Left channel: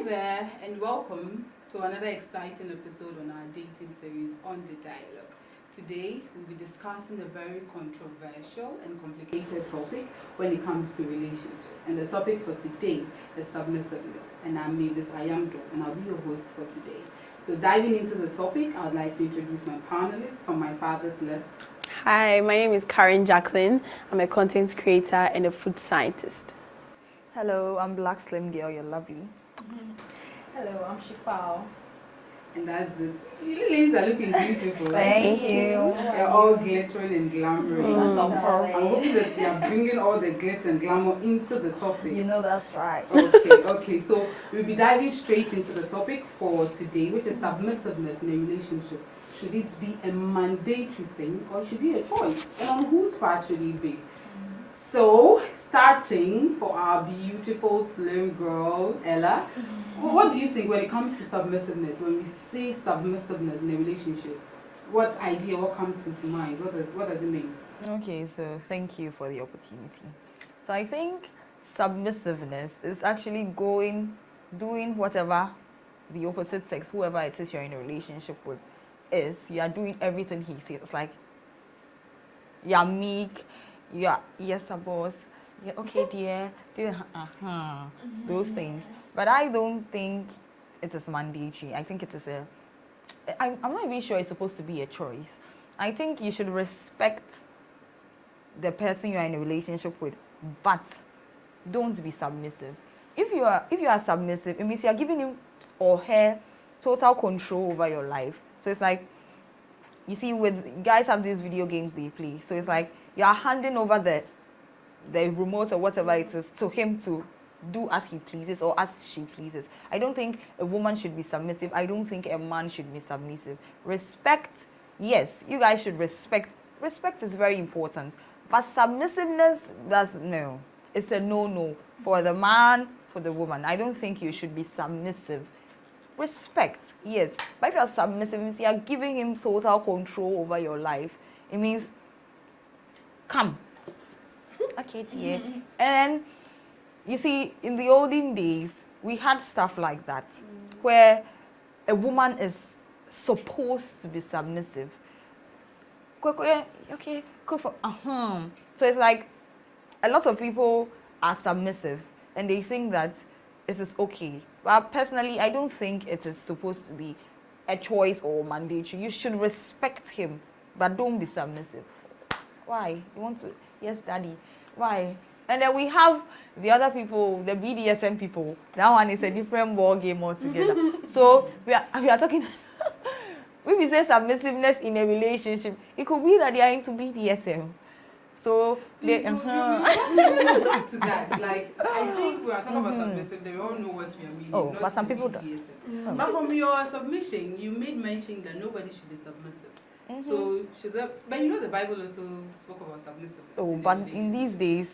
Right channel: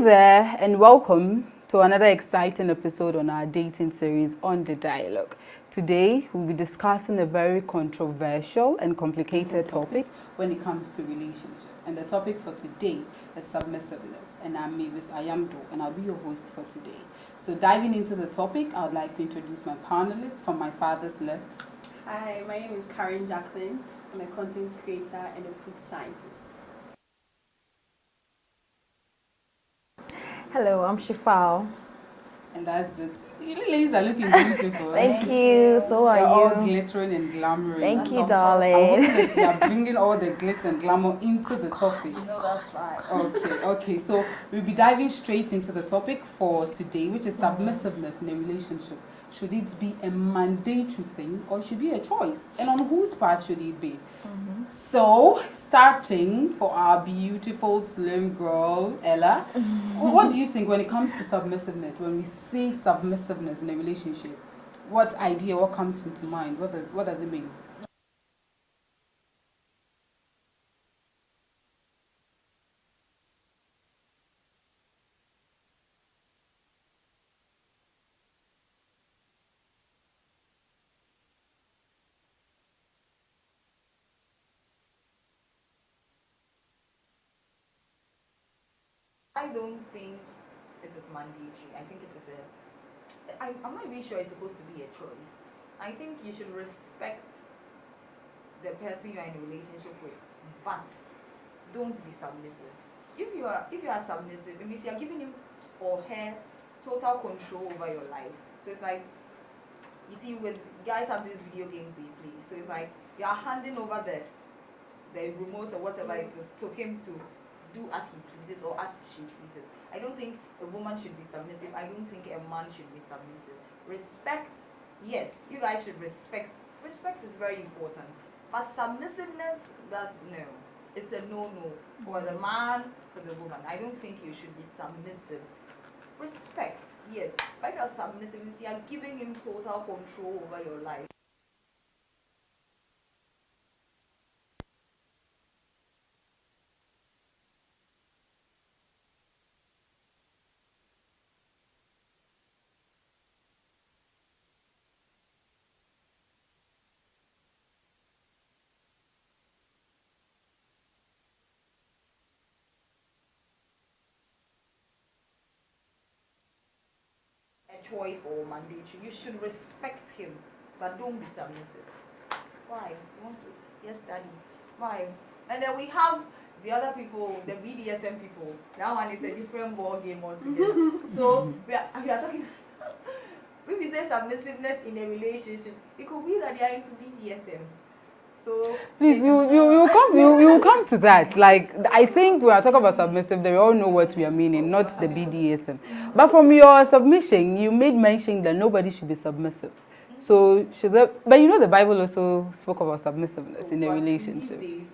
Hi there, and welcome to another exciting episode on our dating series On the Dialogue. Today, we'll be discussing a very controversial and complicated topic when it comes to relationships. And the topic for today is submissiveness. And I'm Mavis Ayamdo, and I'll be your host for today. So diving into the topic, I would like to introduce my panelist from my father's left. Hi, my name is Karen Jacqueline. I'm a content creator and a food scientist. Hello, I'm Black Slim Girl, you're lovely. Hello, I'm Shifao. And that's it. You ladies are looking beautiful. Thank you. So are You're all you? glittering and glamorous. Thank you, I hope darling. that you are bringing all the glitz and glamour into the topic. You know that's right. Okay. So we'll be diving straight into the topic for today, which is submissiveness in a relationship. Should it be a mandatory thing or should it be a choice? And on whose part should it be? So, starting for our beautiful slim girl, Ella, what do you think when it comes to submissiveness? When we say submissiveness in a relationship, what idea, what comes into mind? What does it mean? Okay, so thank you for the opportunity. So I think submissiveness is actually doing whatever the opposite sex, whoever it is you're in a relationship with, is. You are doing everything he says. It's like, you're meek, you're, yes, boss, yeah, okay, dear, those things. But I don't think it is mandatory. I think it is I'm not even sure it's supposed to be a choice. I think you should respect the person you are in a relationship with, but don't be submissive. If you are submissive, it means you are giving him or her total control over your life. So it's like, you see, with guys have these video games they play. So it's like you are handing over the remote or whatever it is to him to do as he pleases or as she pleases. I don't think a woman should be submissive. I don't think a man should be submissive. Respect, yes, you guys should respect. Respect is very important. But submissiveness, no. It's a no-no for the man, for the woman. I don't think you should be submissive. Respect, yes. But if you're submissive, it means you're giving him total control over your life. It means, come. Okay, dear. And you see, in the olden days, we had stuff like that, where a woman is supposed to be submissive. Okay, cook for, So it's like, a lot of people are submissive, and they think that it is okay. But personally, I don't think it is supposed to be a choice or mandatory. You should respect him, but don't be submissive. Why? You want to? Yes, daddy. Why? And then we have the other people, the BDSM people. That one is a different ball game altogether. So we are talking. When we say submissiveness in a relationship, it could be that they are into BDSM. So you come to that. Like, I think we are talking about submissive. They all know what we are meaning, not the BDSM. But from your submission, you made mention that nobody should be submissive. So but you know the Bible also spoke about submissiveness in a relationship. These days,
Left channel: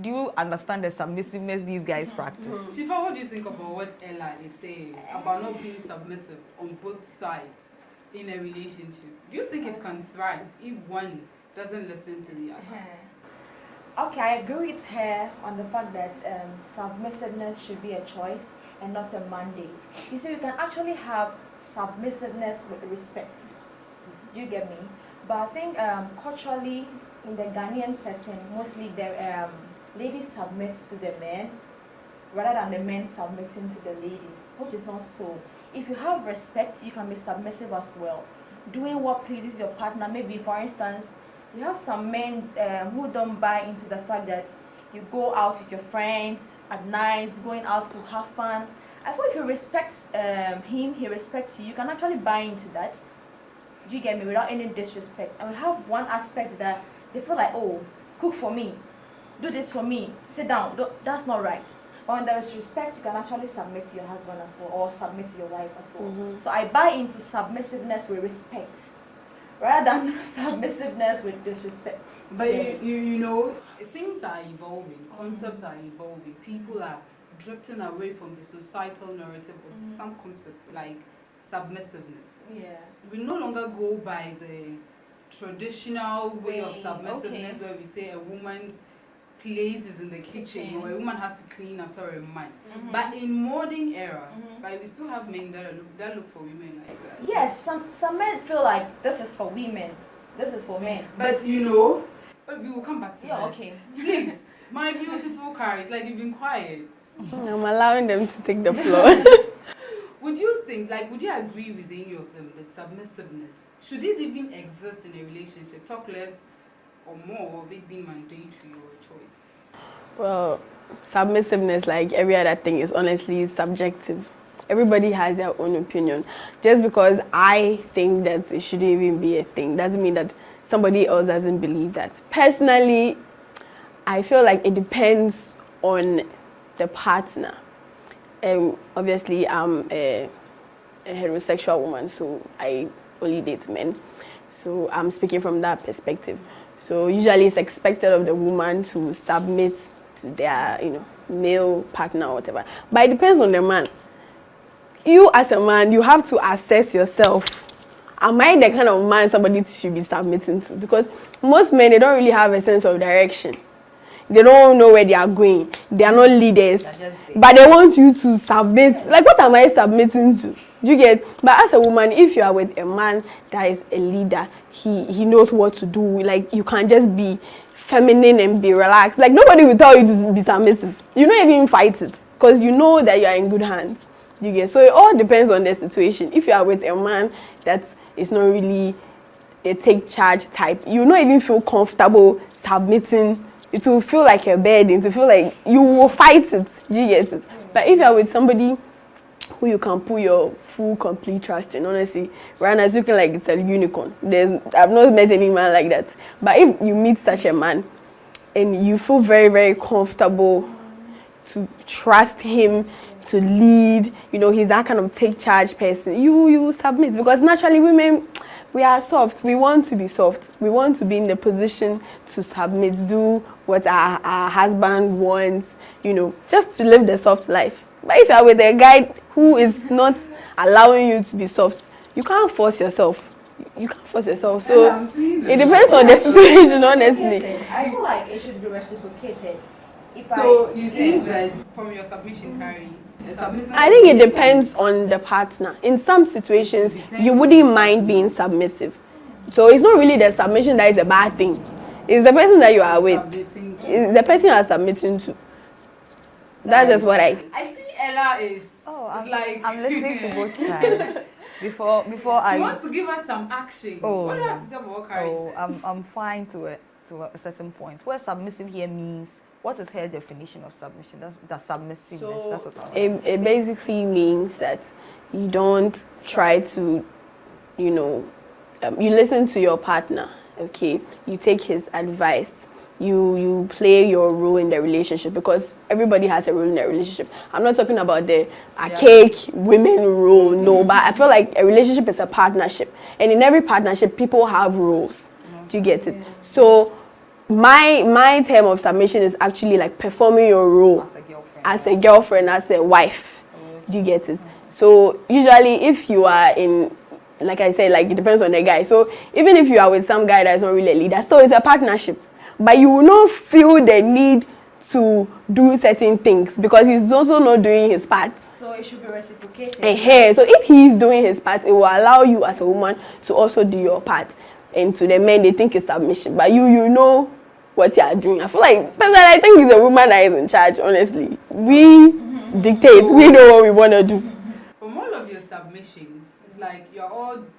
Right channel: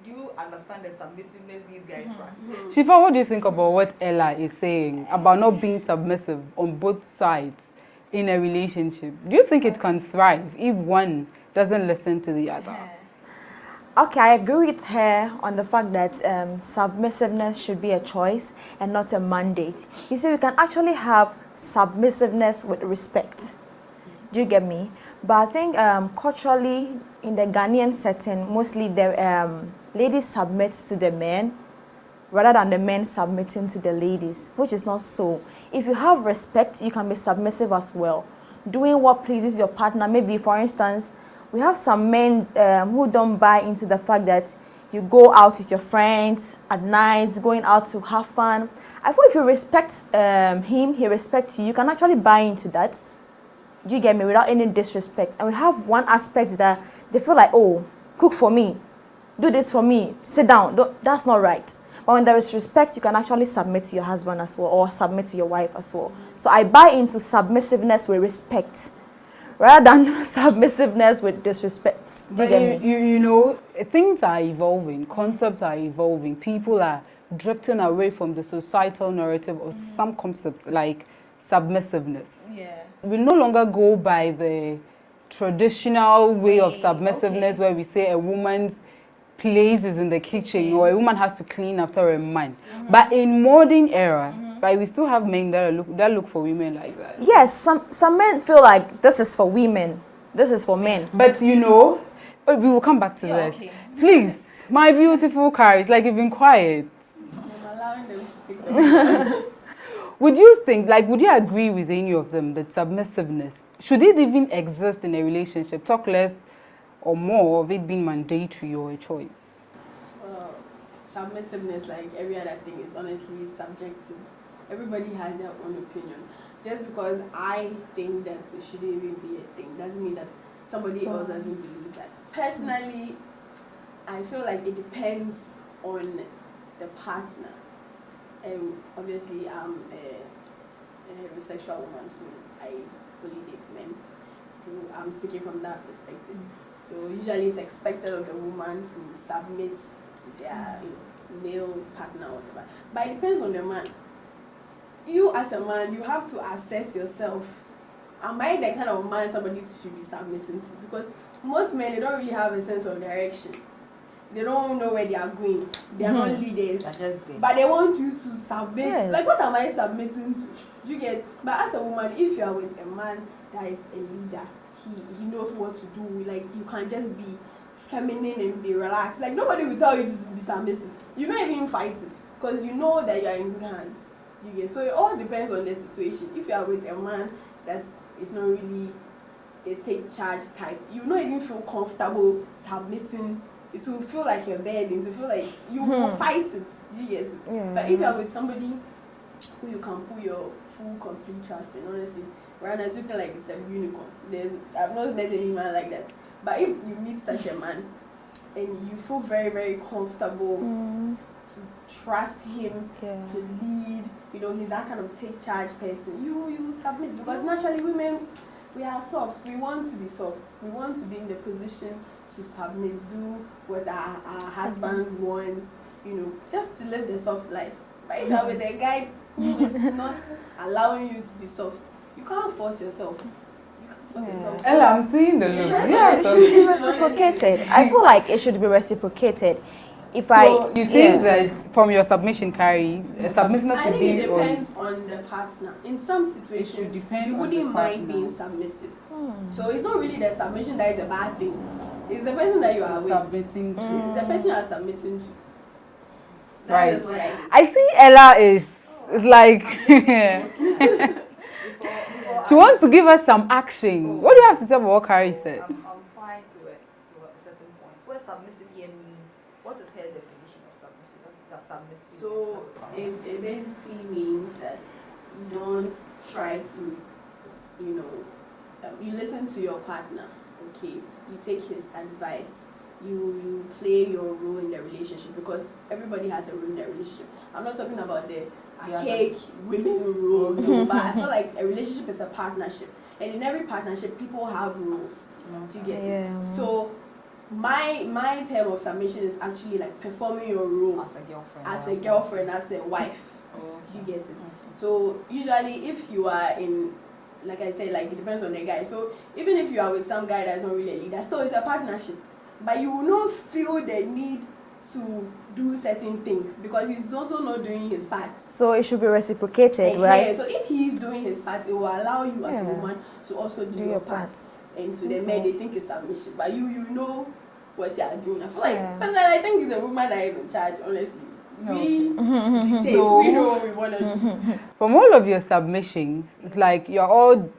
do you understand the submissiveness these guys practice? Shifa, what do you think about what Ella is saying about not being submissive on both sides in a relationship? Do you think it can thrive if one doesn't listen to the other? Okay, I agree with her on the fact that submissiveness should be a choice and not a mandate. You see, we can actually have submissiveness with respect. Do you get me? But I think culturally, in the Ghanaian setting, mostly the ladies submit to the men rather than the men submitting to the ladies, which is not so. If you have respect, you can be submissive as well. Doing what pleases your partner. Maybe, for instance, we have some men who don't buy into the fact that you go out with your friends at night, going out to have fun. I thought if you respect him, he respects you, you can actually buy into that. Do you get me? Without any disrespect. And we have one aspect that they feel like, oh, cook for me, do this for me, sit down. That's not right. But when there is respect, you can actually submit to your husband as well, or submit to your wife as well. So I buy into submissiveness with respect, rather than submissiveness with disrespect. But you know, things are evolving, concepts are evolving, people are drifting away from the societal narrative of some concepts like submissiveness. Yeah. We no longer go by the traditional way of submissiveness where we say a woman's places in the kitchen, or a woman has to clean after a man. But in modern era, like we still have men that look for women like that. Yes, some men feel like this is for women, this is for men. But we will come back to that. Okay. Please, my beautiful Caris, like you've been quiet. I'm allowing them to take the floor. Would you agree with any of them that submissiveness, should it even exist in a relationship? Talk less or more of it being mandatory or a choice? Well, submissiveness, like every other thing, is honestly subjective. Everybody has their own opinion. Just because I think that it shouldn't even be a thing doesn't mean that somebody else doesn't believe that. Personally, I feel like it depends on the partner. Obviously, I'm a heterosexual woman, so I only date men. So I'm speaking from that perspective. So usually it's expected of the woman to submit to their, male partner or whatever. But it depends on the man. You as a man, you have to assess yourself. Am I the kind of man somebody should be submitting to? Because most men, they don't really have a sense of direction. They don't know where they are going. They are not leaders. But they want you to submit. Yes. Like, what am I submitting to? Do you get? But as a woman, if you are with a man that is a leader, he knows what to do. Like, you can just be feminine and be relaxed. Like, nobody will tell you to be submissive. You don't even fight it. Because you know that you are in good hands. You get? So it all depends on the situation. If you are with a man that is not really the take charge type, you will not even feel comfortable submitting. It will feel like a burden. It will feel like you will fight it. You get it? Yeah. But if you are with somebody who you can put your full, complete trust in, honestly, right now it's looking like it's a unicorn. I've not met any man like that. But if you meet such a man and you feel very, very comfortable to trust him, to lead, he's that kind of take charge person, you submit. Because naturally women, we are soft. We want to be soft. We want to be in the position to submit, do what our husband wants, just to live the soft life. But if you are with a guy who is not allowing you to be soft, you can't force yourself. You can't force yourself. So I'm seeing it depends on the situation, honestly. I feel like it should be reciprocated. You think that from your submission, Carrie, submissiveness? I think it depends on the partner. In some situations, you wouldn't mind being submissive. So it's not really the submission that is a bad thing. It's the person that you are with. It's the person you are submitting to. That's just what I see Ella is like... I'm listening to both before she wants to give us some action. What do you have to say about what Carrie said? I'm fine to a certain point. Where submissive here means, what is her definition of submission? That's submissiveness. So that's what it basically means that you don't try to, you listen to your partner, okay? You take his advice. You play your role in the relationship, because everybody has a role in the relationship. I'm not talking about the archaic women role, no, but I feel like a relationship is a partnership. And in every partnership, people have roles. Do you get it? So my term of submission is actually like performing your role as a girlfriend, as a wife. Do you get it? So usually if you are in, like I said, like it depends on the guy. So even if you are with some guy that's not really a leader, still it's a partnership. But you will not feel the need to do certain things because he's also not doing his part. So it should be reciprocated, right? So if he's doing his part, it will allow you as a woman to also do your part. And to the men, they think it's submission. But you know what you are doing. I feel like, personally, I think it's a woman that is in charge, honestly. We dictate. We know what we want to do. From all of your submissions, it's like you're all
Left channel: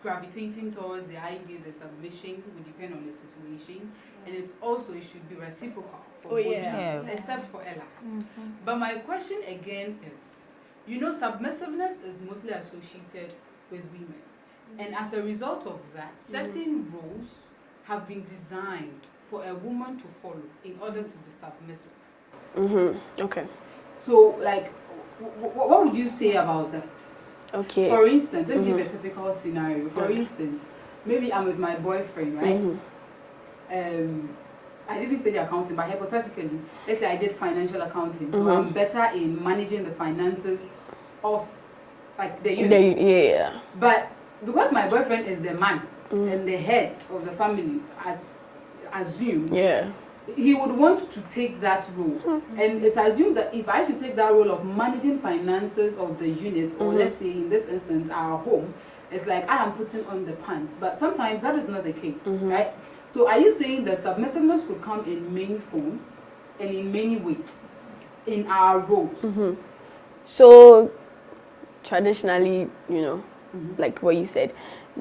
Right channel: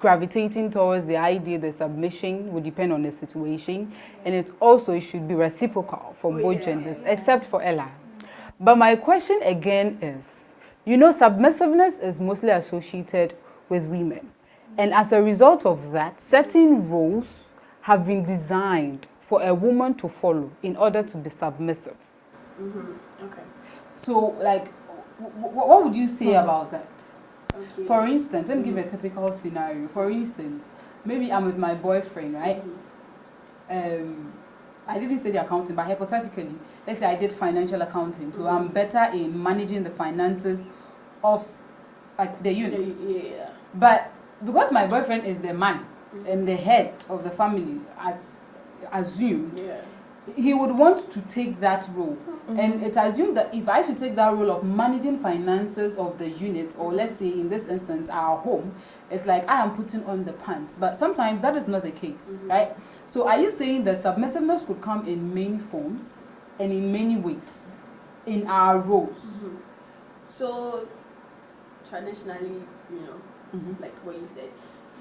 gravitating towards the idea that submission would depend on the situation, and it should be reciprocal for both genders, except for Ella. But my question again is, submissiveness is mostly associated with women, and as a result of that, certain roles have been designed for a woman to follow in order to be submissive. Okay. So, like, what would you say about that? Okay. For instance, let me give a typical scenario. For instance, maybe I'm with my boyfriend, right? I didn't study accounting, but hypothetically, let's say I did financial accounting, so I'm better in managing the finances of, like, the unit. But because my boyfriend is the man and the head of the family, as assumed, he would want to take that role. And it's assumed that if I should take that role of managing finances of the unit, or let's say in this instance our home, it's like I am putting on the pants. But sometimes that is not the case, right? So are you saying that submissiveness could come in many forms and in many ways in our roles? So traditionally, like what you said,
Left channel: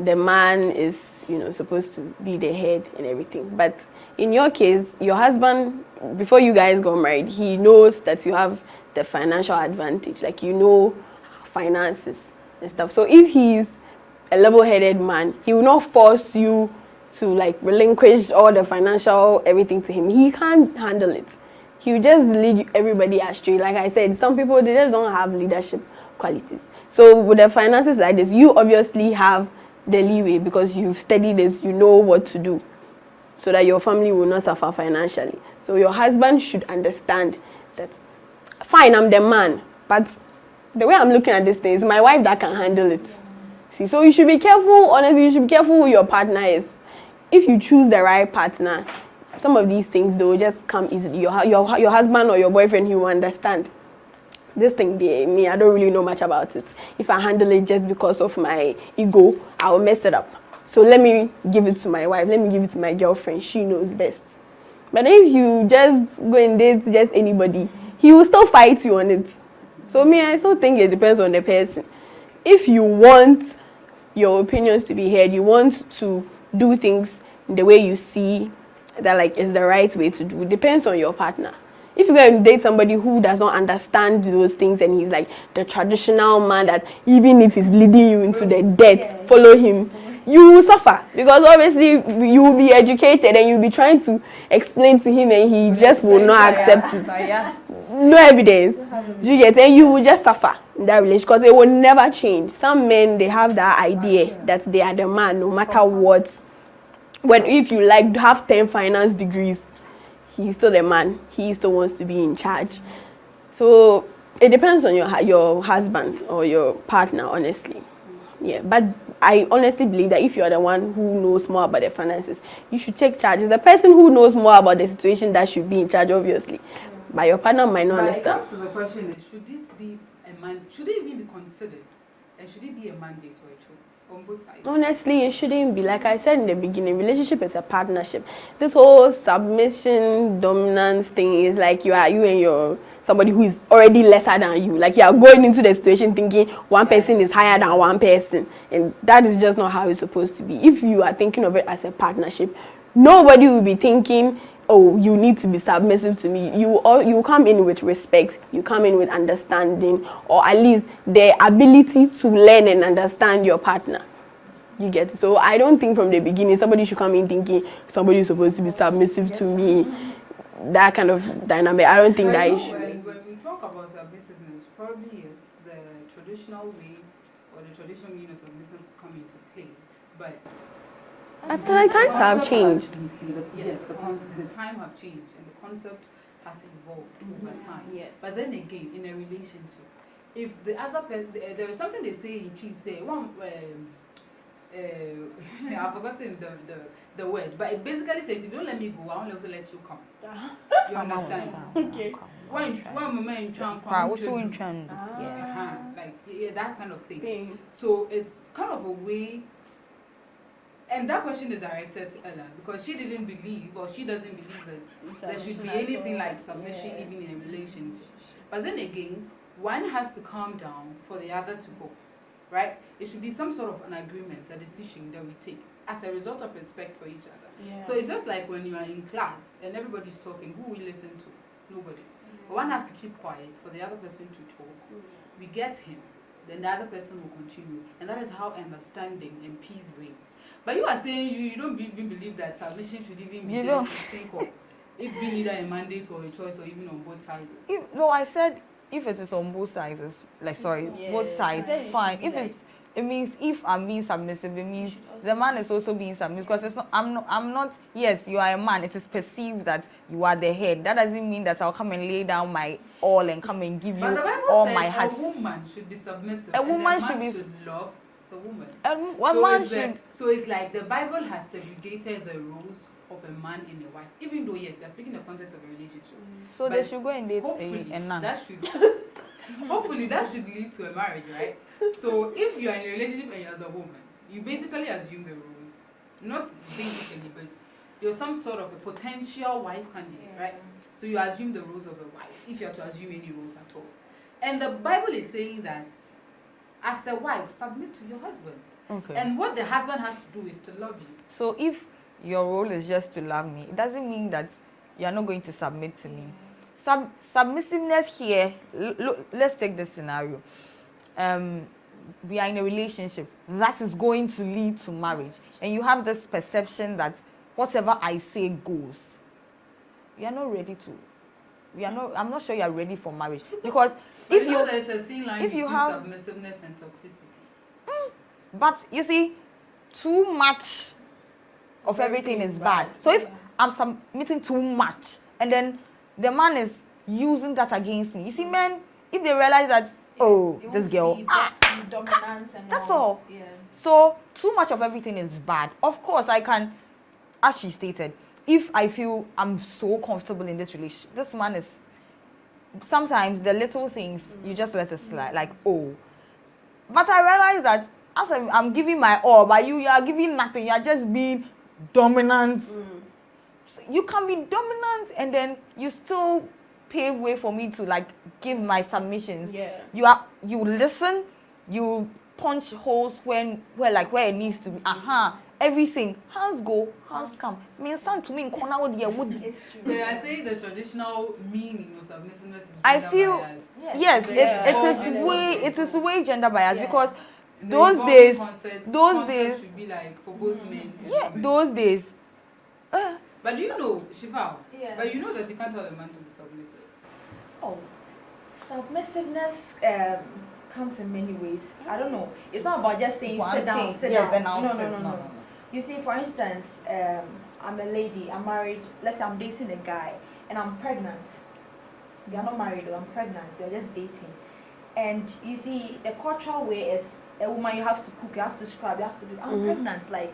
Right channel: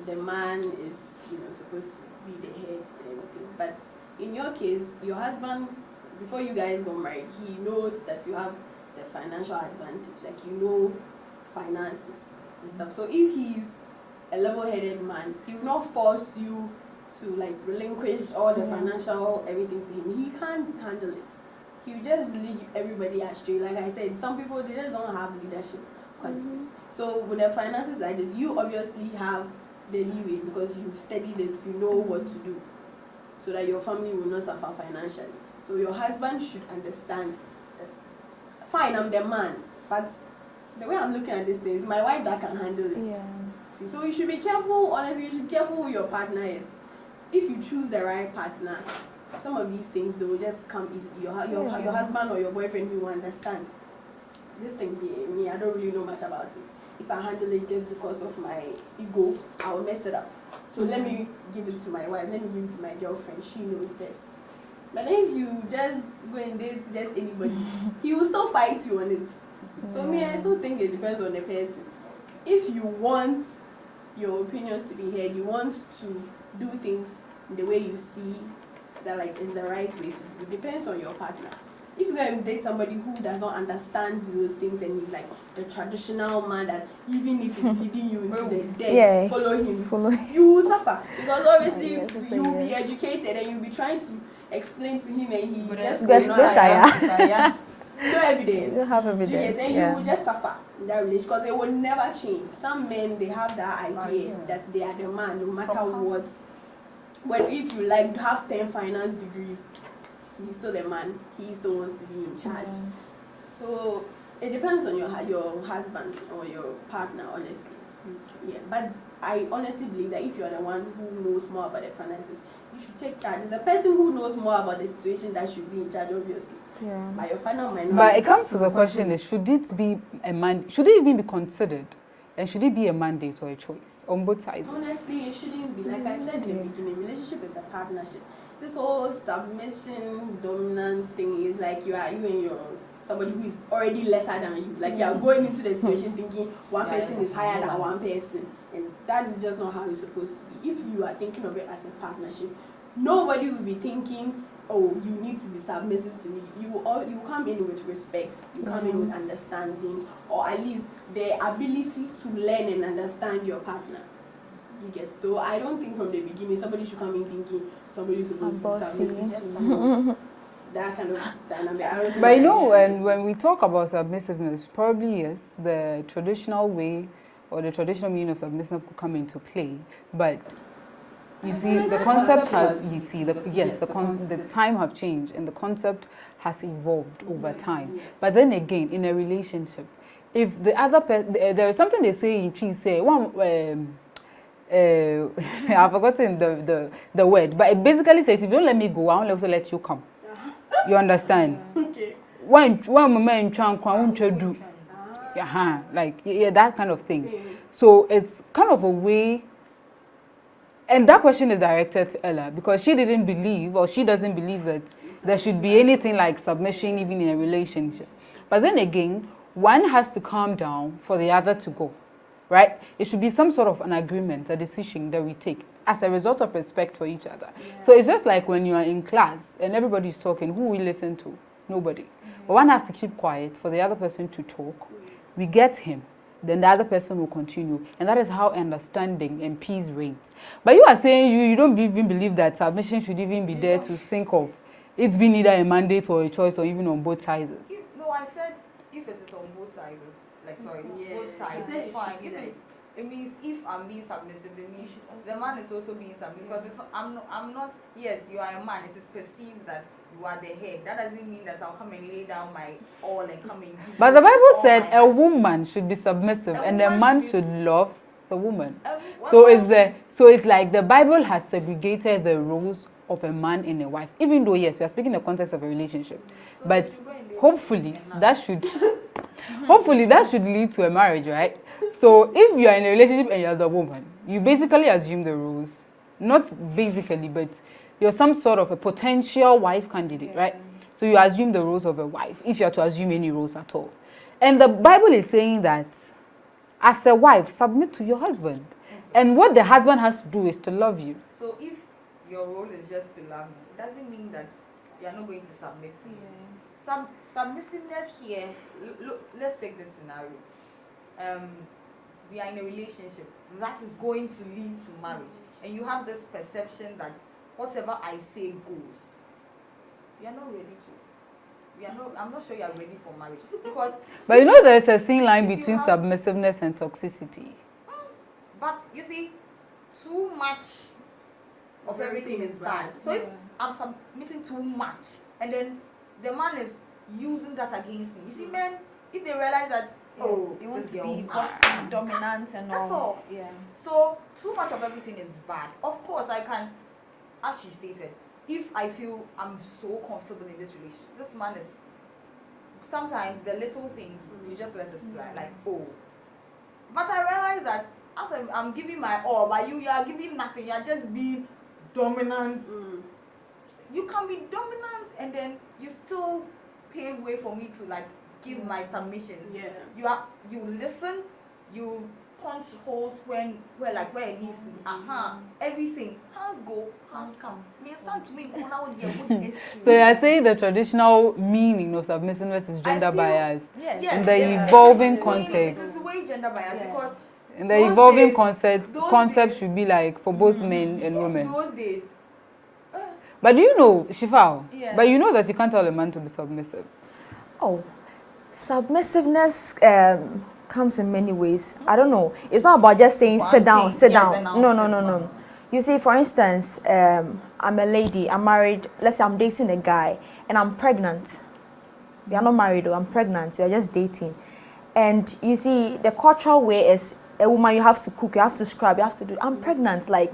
the man is, supposed to be the head and everything. But in your case, your husband, before you guys got married, he knows that you have the financial advantage, like finances and stuff. So if he's a level-headed man, he will not force you to like relinquish all the financial everything to him. He can't handle it. He will just lead everybody astray. Like I said, some people, they just don't have leadership qualities. So with the finances like this, you obviously have the leeway because you've studied it, you know what to do so that your family will not suffer financially. So your husband should understand that, fine, I'm the man, but the way I'm looking at this thing is my wife that can handle it. See, so you should be careful, honestly, you should be careful who your partner is. If you choose the right partner, some of these things, they will just come easily. Your husband or your boyfriend, he will understand. This thing, I don't really know much about it. If I handle it just because of my ego, I will mess it up. So let me give it to my wife, let me give it to my girlfriend, she knows best. But if you just go and date just anybody, he will still fight you on it. So I still think it depends on the person. If you want your opinions to be heard, you want to do things the way you see that like is the right way to do, it depends on your partner. If you go and date somebody who does not understand those things and he's like the traditional man that even if he's leading you into the debt, follow him, you will suffer. Because obviously you will be educated and you'll be trying to explain to him and he just will not accept it. No evidence. Do you get it? And you will just suffer in that relationship because it will never change. Some men, they have that idea that they are the man no matter what. If you like have 10 finance degrees, he's still the man. He still wants to be in charge. So it depends on your husband or your partner, honestly. Yeah, but I honestly believe that if you are the one who knows more about the finances, you should take charge. It's the person who knows more about the situation that should be in charge, obviously. But your partner might not. But it comes to the question: is should it be should it even be considered, and should it be a mandate or a choice on both sides? Honestly, it shouldn't be. Like I said in the beginning, relationship is a partnership. This whole submission, dominance thing is like you and your somebody who is already lesser than you. Like you are going into the situation thinking one person is higher than one person, and that is just not how it's supposed to be. If you are thinking of it as a partnership, nobody will be thinking, oh, you need to be submissive to me. You come in with respect, you come in with understanding, or at least the ability to learn and understand your partner. You get it? So I don't think from the beginning somebody should come in thinking somebody is supposed to be submissive to me. That kind of dynamic, I don't think but that when we talk about submissiveness, probably yes, the traditional way or the traditional meaning of submissive could come into play, but you see, the concept has the time have changed and the concept has evolved over time. Yes. But then again, in a relationship, if the other person, there is something they say in Chi say one. I've forgotten the word, but it basically says if you don't let me go, I won't also let you come. You understand? Okay. When women try that kind of thing. So it's kind of a way. And that question is directed to Ella because she didn't believe, or she doesn't believe that there should be anything like submission even in a relationship. But then again, one has to calm down for the other to go, right? It should be some sort of an agreement, a decision that we take as a result of respect for each other. Yeah. So it's just like when you are in class and everybody's talking, who will listen to? Nobody. But one has to keep quiet for the other person to talk. We get him. Then the other person will continue. And that is how understanding and peace reigns. But you are saying you don't even believe that submission should even be there to think of it being either a mandate or a choice or even on both sides. No, I said if it is on both sides, both sides, fine. If it means if I'm being submissive, it means the man is also being submissive. Because it's not, I'm not, yes, you are a man. It is perceived that you are the head. That doesn't mean that I'll come and lay down my all and come and give you. But the Bible said a woman should be submissive and a man should love the woman. So it's like the Bible has segregated the roles of a man and a wife, even though yes, we are speaking in the context of a relationship, So but they should go and date hopefully a nun. that should hopefully that should lead to a marriage, right? So if you are in a relationship and you're the woman, you basically assume the rules, not basically, but you're some sort of a potential wife candidate, right? So you assume the roles of a wife, if you are to assume any roles at all. And the Bible is saying that as a wife, submit to your husband. Okay. And what the husband has to do is to love you. So if your role is just to love me, it doesn't mean that you are not going to submit to me. Submissiveness here, let's take this scenario. We are in a relationship that is going to lead to marriage, and you have this perception that whatever I say goes. You are not ready to. I'm not sure you are ready for marriage, because. But you know, there's a thin line if you between have- submissiveness and toxicity. But you see, too much of everything is bad. So if I'm submitting too much, and then the man is using that against me, you see, men, if they realize that, oh, You this want girl, to be bossy, dominant and that's all. all. Yeah. So too much of everything is bad. Of course, I can, as she stated, if I feel I'm so comfortable in this relationship, this man is. Sometimes the little things you just let it slide, like oh. But I realize that as I'm giving my all, but you are giving nothing. You are just being dominant. So you can be dominant, and then you still pave way for me to like give my submissions. Yeah. You listen, you punch holes where it needs to be. Everything. Hands go, hands come. Means time to me in corner with your wood. So you are saying the traditional meaning of submissiveness is I gender feel- biased. Yes, The evolving it concept. is way gender biased because And the those evolving days- concept those days- should be like for both men and women. those days. But do you know, Shifao? Yes. But you know that you can't tell a man to be submissive. Oh, submissiveness comes in many ways. I don't know. It's not about just saying sit down, sit Yes, down. and I'll No, sit no, no, no. down. You see, for instance, I'm a lady. I'm married. Let's say I'm dating a guy, and I'm pregnant. We are not married, though. I'm pregnant. We are just dating. And you see, the cultural way is a woman. You have to cook. You have to scrub. You have to do. I'm pregnant, like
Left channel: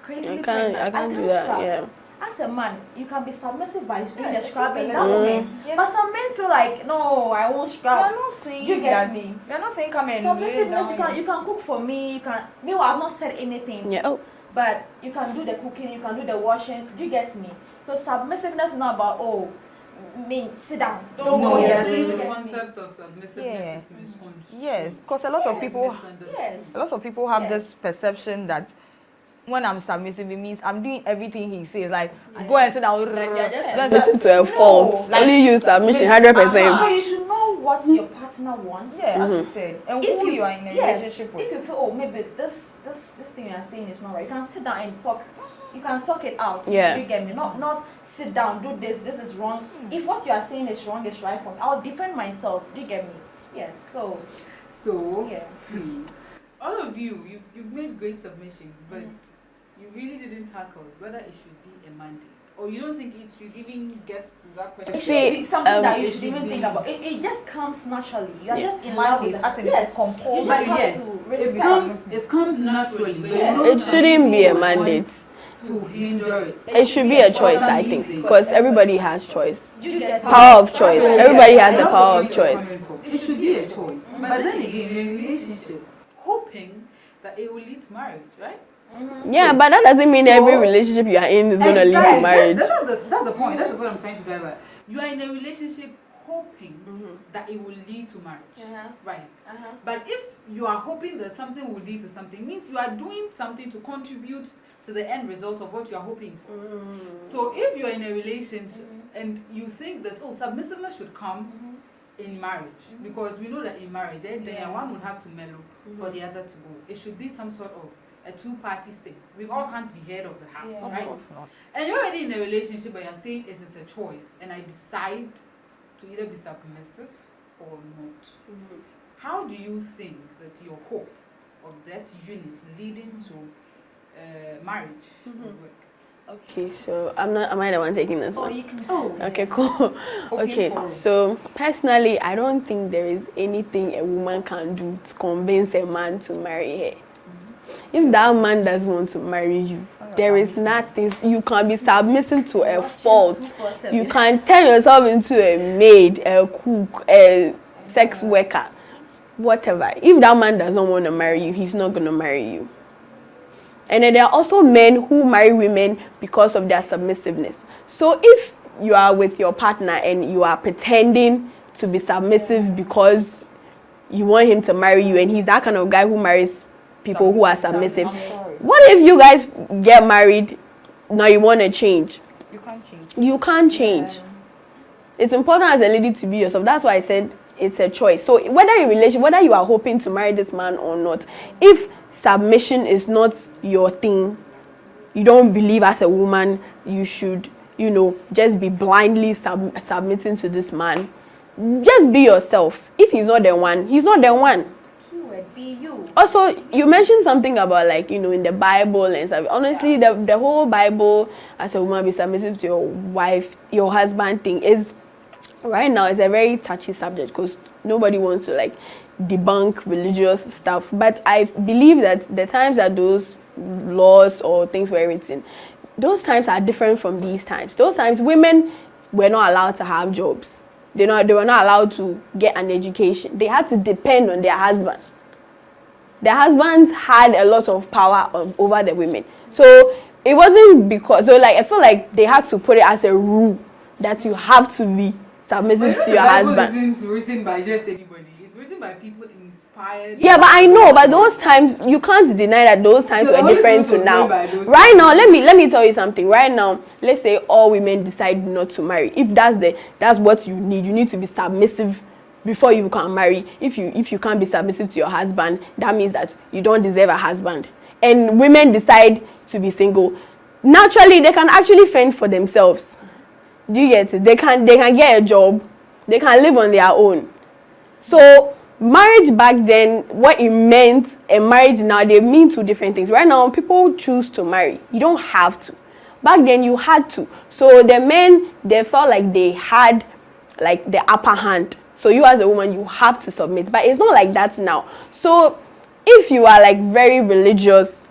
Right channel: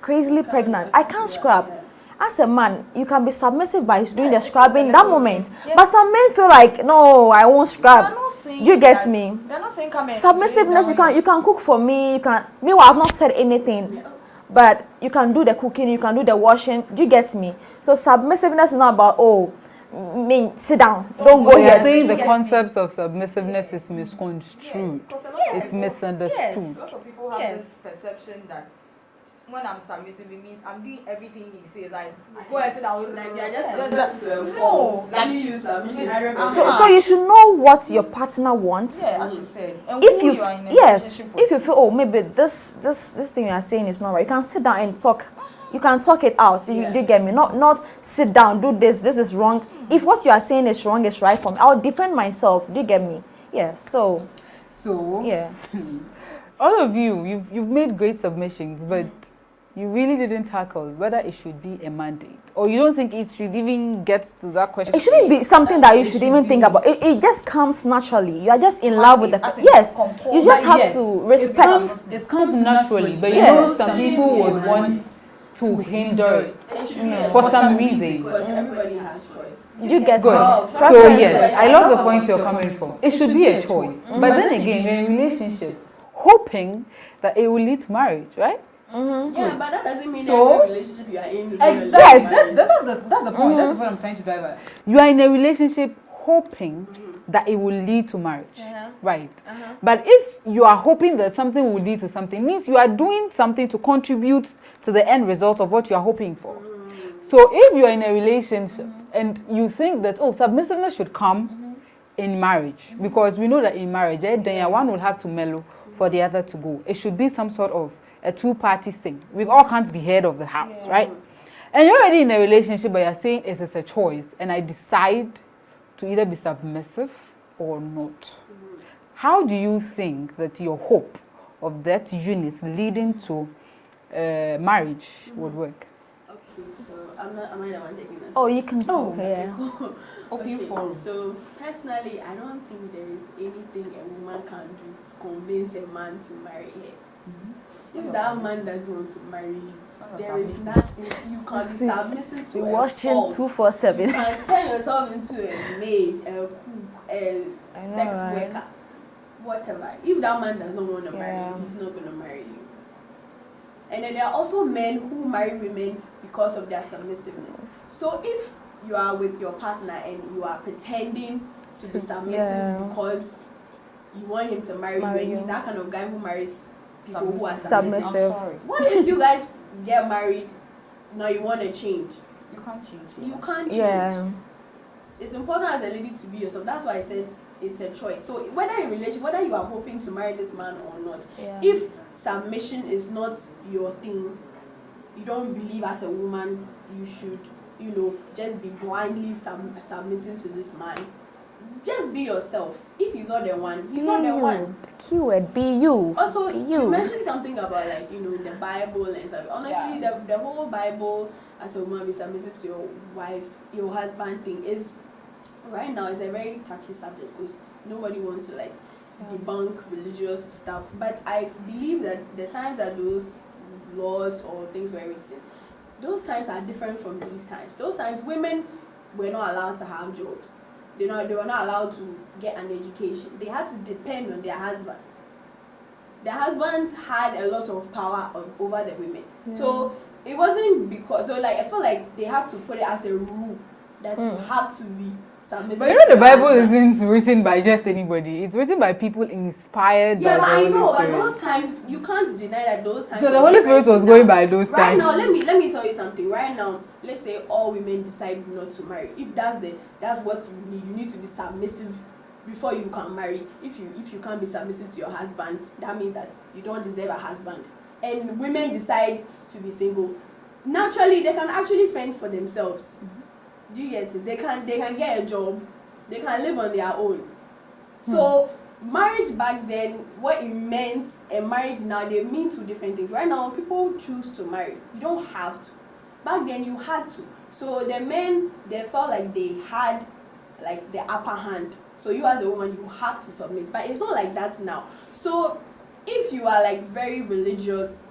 crazily pregnant. I can't do that, scrub. yeah. As a man, you can be submissive by doing the scrubbing that moment. But some men feel like, no, I won't scrub. Do you get me? They're not saying come in. Submissiveness, you can cook for me. You can. Meanwhile, I've not said anything. Yeah. Oh. But you can do the cooking. You can do the washing. Do you get me? So submissiveness is not about sit down. Don't go No, you are here. saying the concept of submissiveness is misconstrued. Yes, because a lot of It's people misunderstood. A lot of people have Yes. this perception that when I'm submissive, it means I'm doing everything he says. Like, go and sit down. Listen to a fault. like- Only use submission 100%. So you should know what your partner wants. Yeah, as you said. And If who you you are in a yes, relationship with. if you feel maybe this thing you are saying is not right, you can sit down and talk. You can talk it out. Yeah. You do get me? Not sit down, do this is wrong. If what you are saying is wrong, is right for me, I'll defend myself. Do you get me? Yes. So yeah. All of you've made great submissions, but you really didn't tackle whether it should be a mandate, or you don't think it should even get to that question. It shouldn't be something that you should even think about. It just comes naturally. You are just in love with As the in yes. compose. You just have Yes, to It respect. comes naturally, but you Yeah, know it some shouldn't people be a would want mandate. to hinder it. It should be a For choice, some I reason. think, because everybody has choice. You get Power of choice. So Everybody yes, I has love the the power point of you're choice. coming from. It should be a choice. But then again, you're in a relationship, hoping that it will lead to marriage, right? Yeah, but that doesn't mean So- every relationship you are in is going to lead to Exactly. marriage. That's the point. That's the point I'm trying to drive at. You are in a relationship hoping that it will lead to marriage, right? But if you are hoping that something will lead to something, means you are doing something to contribute to the end result of what you are hoping for. So if you are in a relationship and you think that submissiveness should come in marriage, because we know that in marriage, then one will have to mellow for the other to go. It should be some sort of a two-party thing. We all can't be head of the house, right? And you're already in a relationship, but you're saying it is a choice, and I decide to either be submissive or not. How do you think that your hope of that unit leading to marriage would work? Okay, so am I the one taking this? Oh, one? you can. Okay, cool. Okay, so personally, I don't think there is anything a woman can do to convince a man to marry her. If that man doesn't want to marry you, there is nothing. You can be submissive to a Watching fault. 247. You can turn yourself into a maid, a cook, a sex worker, whatever. If that man does not want to marry you, he's not going to marry you. And then there are also men who marry women because of their submissiveness. So if you are with your partner and you are pretending to be submissive because you want him to marry you, and he's that kind of guy who marries people who are submissive. What if you guys get married, now you want to change? You can't change. You can't change. Yeah. It's important as a lady to be yourself. That's why I said it's a choice. So whether in relation, whether you are hoping to marry this man or not, if submission is not your thing, you don't believe as a woman you should, just be blindly submitting to this man. Just be yourself. If he's not the one, he's not the one. Keyword, be you. Also, Be you mentioned something about in the Bible and stuff. Honestly, the whole Bible, as a woman, be submissive to your wife, your husband thing is, right now, is a very touchy subject because nobody wants to debunk religious stuff. But I believe that the times that those laws or things were written, those times are different from these times. Those times, women were not allowed to have jobs. They were not allowed to get an education. They had to depend on their husband. Their husbands had a lot of power over the women. So it wasn't because, I feel like they had to put it as a rule that you have to be submissive to your husband. The Bible isn't written by just anybody. It's written by people inspired. Yeah, but I know, but those times, you can't deny that those times were different to now. Right now, let me tell you something. Right now, let's say all women decide not to marry. If that's what you need to be submissive before you can marry. If you can't be submissive to your husband, that means that you don't deserve a husband. And women decide to be single. Naturally, they can actually fend for themselves. Do you get it? They can get a job. They can live on their own. So marriage back then, what it meant and marriage now, they mean two different things. Right now, people choose to marry. You don't have to. Back then, you had to. So the men, they felt like they had the upper hand. So you as a woman, you have to submit. But it's not like that now. So if you are very religious,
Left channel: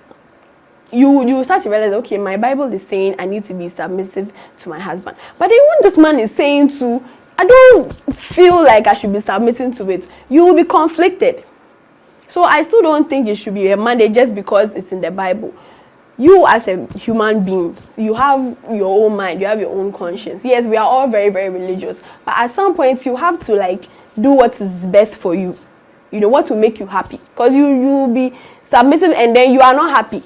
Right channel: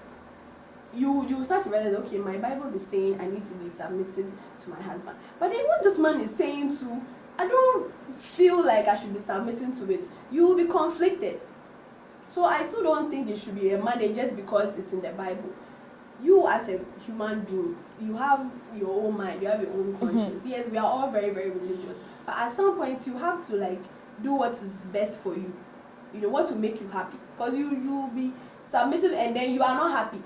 you start to realize, okay, my Bible is saying I need to be submissive to my husband. But then when this man is saying I don't feel like I should be submitting to it, you will be conflicted. So I still don't think it should be a mandate just because it's in the Bible. You as a human being, you have your own mind, you have your own conscience. Yes, we are all very, very religious. But at some point, you have to do what is best for you. What will make you happy. Because you will be submissive and then you are not happy.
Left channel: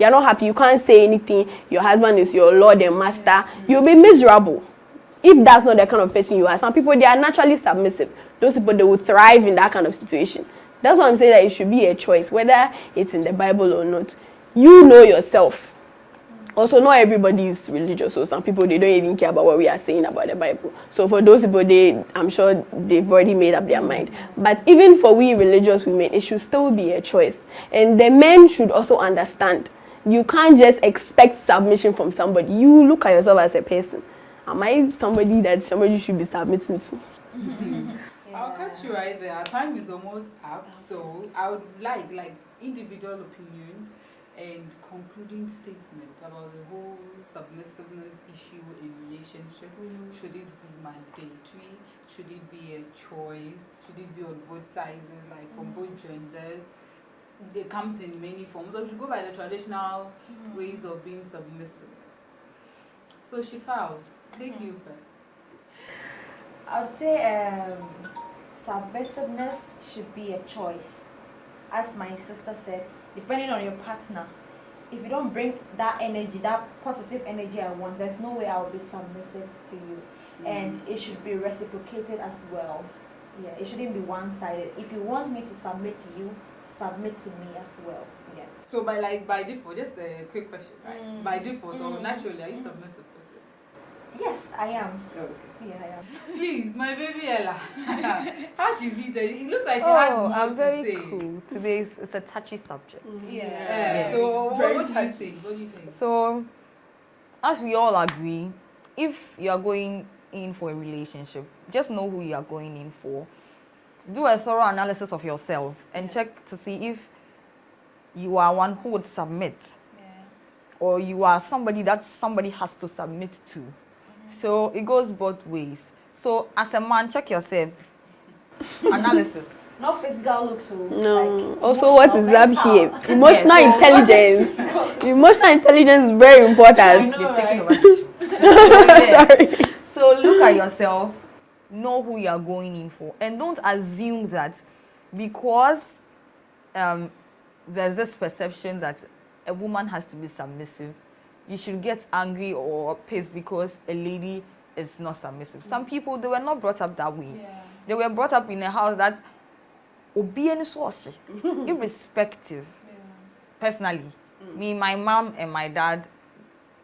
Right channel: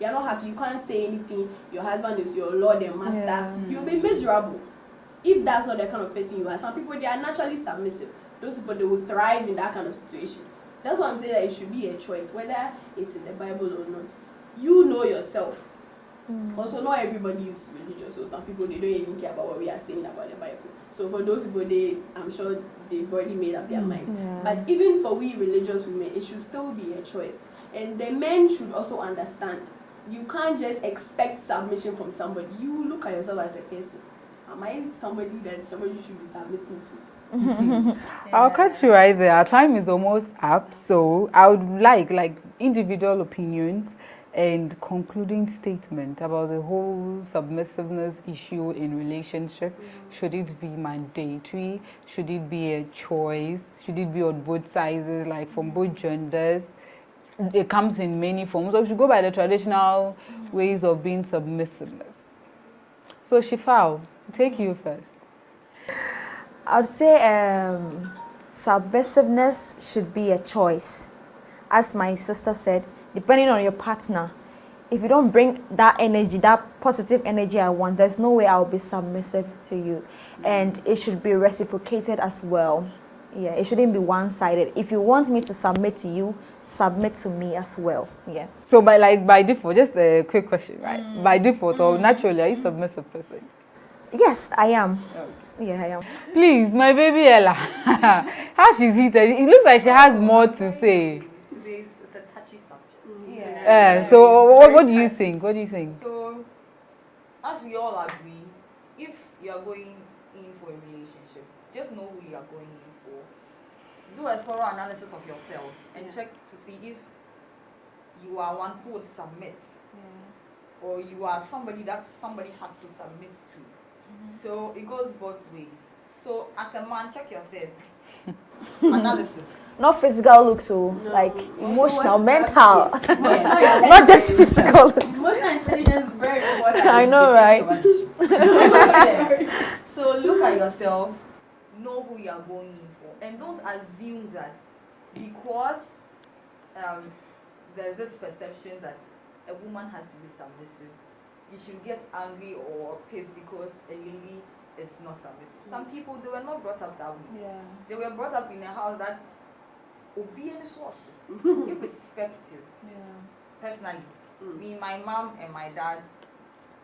You're not happy, you can't say anything, your husband is your Lord and Master, you'll be miserable. If that's not the kind of person you are. Some people, they are naturally submissive. Those people, they will thrive in that kind of situation. That's why I'm saying that it should be a choice, whether it's in the Bible or not. You know yourself. Also, not everybody is religious, so some people, they don't even care about what we are saying about the Bible. So for those people, I'm sure they've already made up their mind. But even for we religious women, it should still be a choice. And the men should also understand. You can't just expect submission from somebody. You look at yourself as a person. Am I somebody that somebody should be submitting to? I'll catch you right there. Our time is almost up, so I would like individual opinions and concluding statement about the whole submissiveness issue in relationship. Should it be mandatory? Should it be a choice? Should it be on both sides, from both genders? It comes in many forms. So we should go by the traditional ways of being submissiveness. So Shifao, take you first. I would say submissiveness should be a choice. As my sister said, depending on your partner, if you don't bring that energy, that positive energy I want, there's no way I'll be submissive to you. And it should be reciprocated as well. Yeah, it shouldn't be one-sided. If you want me to submit to you, submit to me as well. Yeah. So by default, just a quick question, right? By default or naturally, are you a submissive person? Yes, I am. Okay. Yeah, I am. Please, my baby Ella, how she's heated. It looks like she has more to say. Cool. Today it's a touchy subject. So what do you think? What do you think? So, as we all agree, if you are going in for a relationship, just know who you are going in for. Do a thorough analysis of yourself and check to see if you are one who would submit or you are somebody that somebody has to submit to. So it goes both ways. So as a man, check yourself. Analysis. Not physical looks, so No. like Also, emotional, what is mental. that here? Emotional Yes. Not just intelligence. physical looks. Emotional intelligence is very important. I know, right? Sorry. So look at yourself, know who you are going in for, and don't assume that because there's this perception that a woman has to be submissive, you should get angry or pissed because a lady is not submissive. Some people, they were not brought up that way. Yeah. They were brought up in a house that irrespective. Personally, me, my mom and my dad,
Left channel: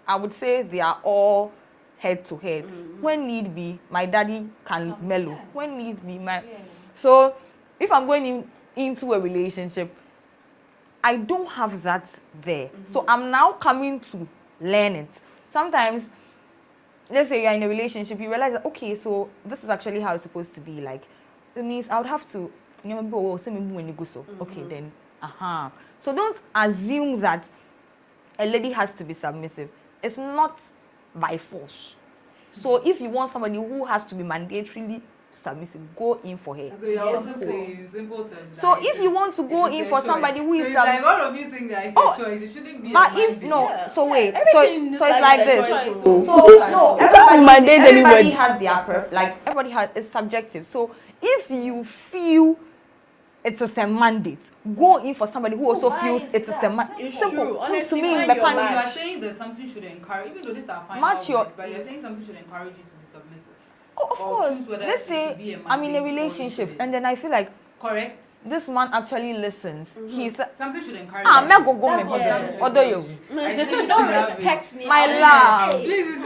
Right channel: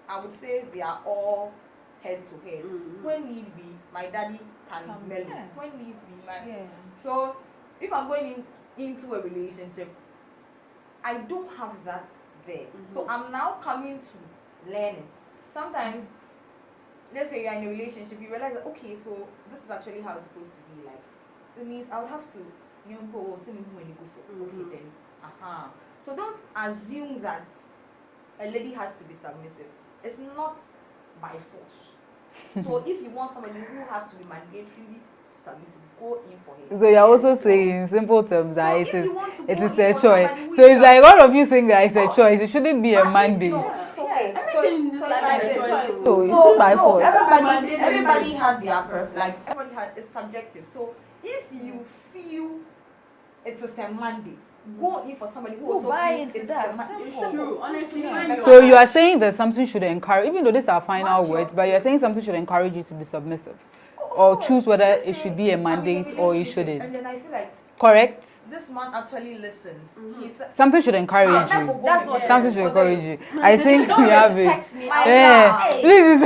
I would say they are all head to head. When need be, my daddy can mellow. Yeah. When need be, so if I'm going into a relationship, I don't have that there. So I'm now coming to learn it. Sometimes, let's say you're in a relationship, you realize that, okay, so this is actually how it's supposed to be. Like, it means I would have to, okay, then, So don't assume that a lady has to be submissive. It's not by force. So if you want somebody who has to be mandatorily submissive, go in for her. So you're also saying in simple terms that So it if is- you want to it go is in a for choice. somebody who So is it's like all of you think that it's a Oh, choice. It shouldn't be a but if mandate. no, so wait, Everything so it's just like like a this. choice. So So by no, force. everybody, Mandate everybody anybody. has their like everybody has it's subjective. So if you feel it is a mandate, go in for somebody who also buy feels into it is a that. mandate. It's true. Honestly, me, find like, your So you are match. saying that something should encourage, even though these are final Match your- words, but you're saying something should encourage you to be submissive. Of Or course. choose whether Let's it say should be a I'm in mandate a or it relationship, shouldn't. and then I feel like Correct? this man actually listens. He's Something should encourage I'm not you. going That's to what- Something should Although encourage you. I think we have it. me. My Yeah. love. Please,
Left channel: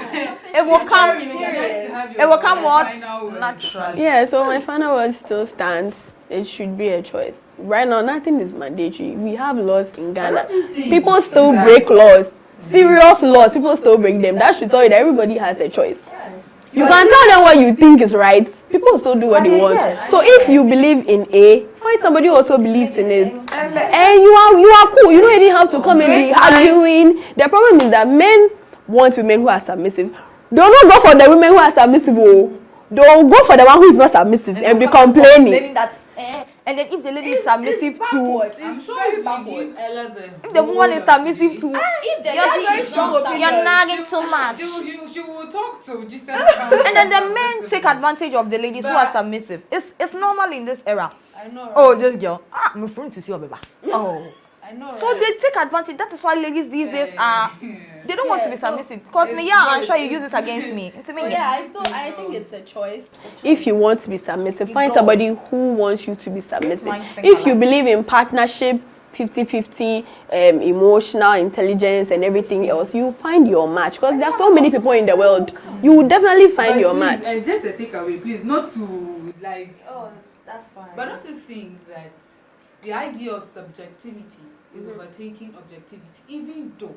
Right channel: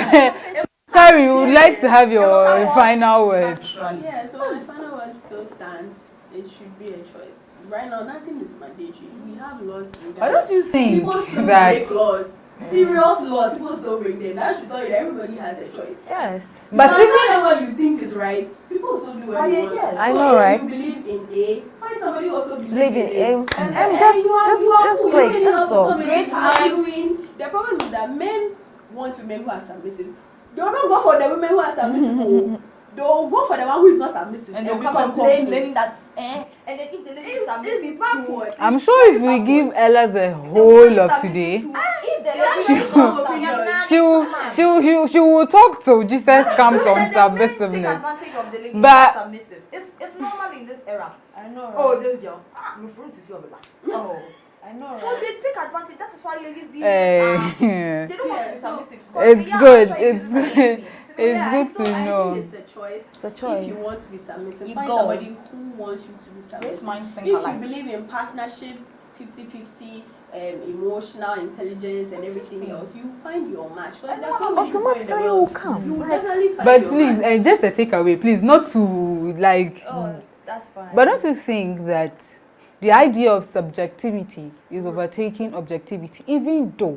It will come. sorry, we would like to have your It will come what? final words. Naturally. Yeah, so my final word still stands. It should be a choice. Right now, nothing is mandatory. We have laws in Why Ghana. don't you think People still that- break laws. Serious laws. People still break them. That should tell you that everybody has a choice. Yes. You can tell them what you think is right. People still do what they want. Yes, I So know, if right? you believe in A, find somebody who also believes in it. And And you are cool. You don't even have to come and be arguing. The problem is that men want women who are submissive. They will not go for the women who are submissive. They will go for the one who is not submissive and be complaining. That, and then if the lady is submissive to, I'm sure if we give Ella the the woman whole is of submissive today, to, You're she will talk to Jesus comes and on then the men take submissiveness. advantage of the ladies who But- are submissive. It's normal in this era. I know. Oh, this girl, I'm friend to see your baby. Oh, I know. so they take advantage. That is why ladies these days are. Eh, They don't want to be Yeah, so submissive because it's yeah, good, I'm sure you use it's it against me. It's So amazing. yeah, I good to think know. it's a choice. If you want to be submissive, You find go. somebody who wants you to be submissive. minds think If you alike. believe in partnership, 50-50, emotional intelligence and everything else, you find your match. Because there are so many people in the world. You will definitely find But your please, match. just a takeaway, please, not to like. That's fine. But don't you think that the idea of subjectivity is overtaking objectivity, even though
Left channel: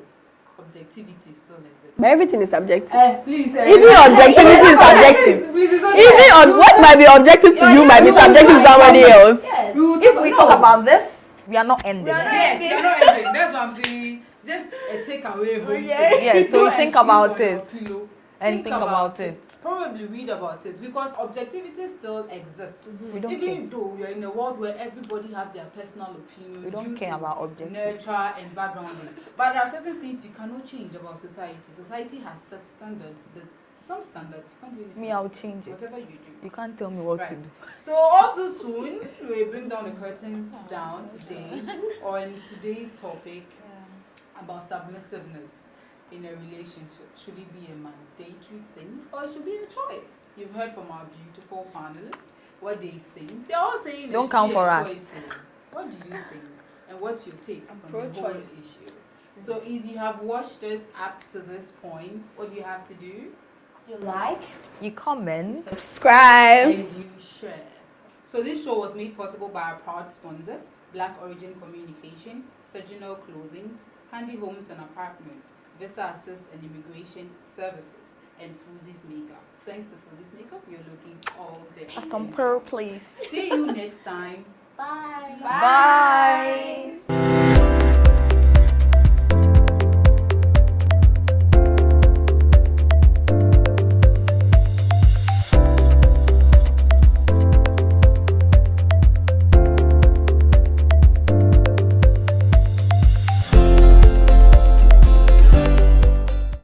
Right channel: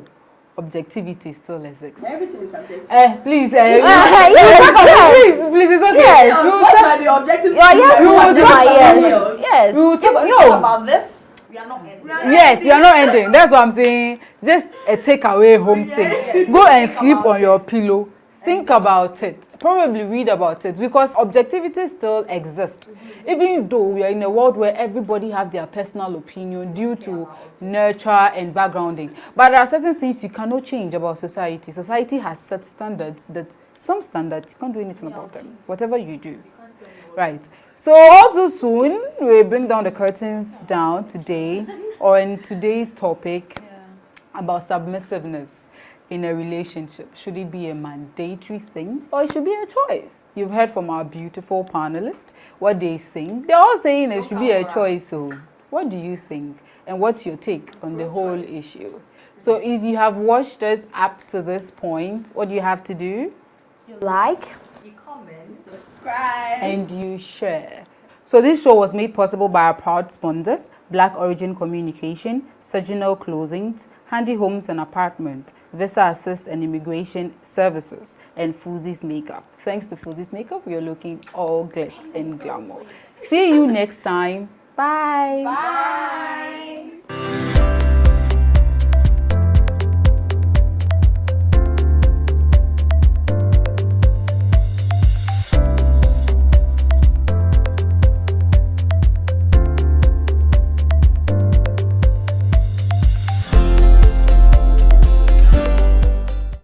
objectivity still exists? But everything is subjective. Please, Even objectivity is subjective. please, it's okay. Even what might be objective to you might be you will subjective to talk somebody about else. Yes. We will if we talk about this, we are not ending. Yes, we are not ending. That's what I'm saying. Just a takeaway home thing. Yes, Go so and think sleep about on it. your pillow. Think think about about it. Probably read about it because objectivity still exists. Even though we are in a world where everybody have their personal opinion due care to about objectivity. nurture and backgrounding. But there are certain things you cannot change about society. Society has set standards that some standards you can't do anything Me, I'll about them. change it. Whatever you do. You can't tell me what Right. to do. So all too soon, we bring down the curtains down today, or in today's topic about submissiveness in a relationship. Should it be a mandatory thing or it should be a choice? You've heard from our beautiful panelists what they think. They're all saying it Don't should come be a for us. choice. So what do you think? And what's your take on the whole Pro-choice. issue? So if you have watched us up to this point, what do you have to do? You like? You comment. Subscribe. And you share. So this show was made possible by our proud sponsors, Black Origin Communication, Surginal Clothing, Handy Homes and Apartment, Visa Assist and Immigration Services, and Fuzi's Makeup. Thanks to Fuzi's Makeup, we are looking all glitz and glamour. See you next time. Bye. Bye.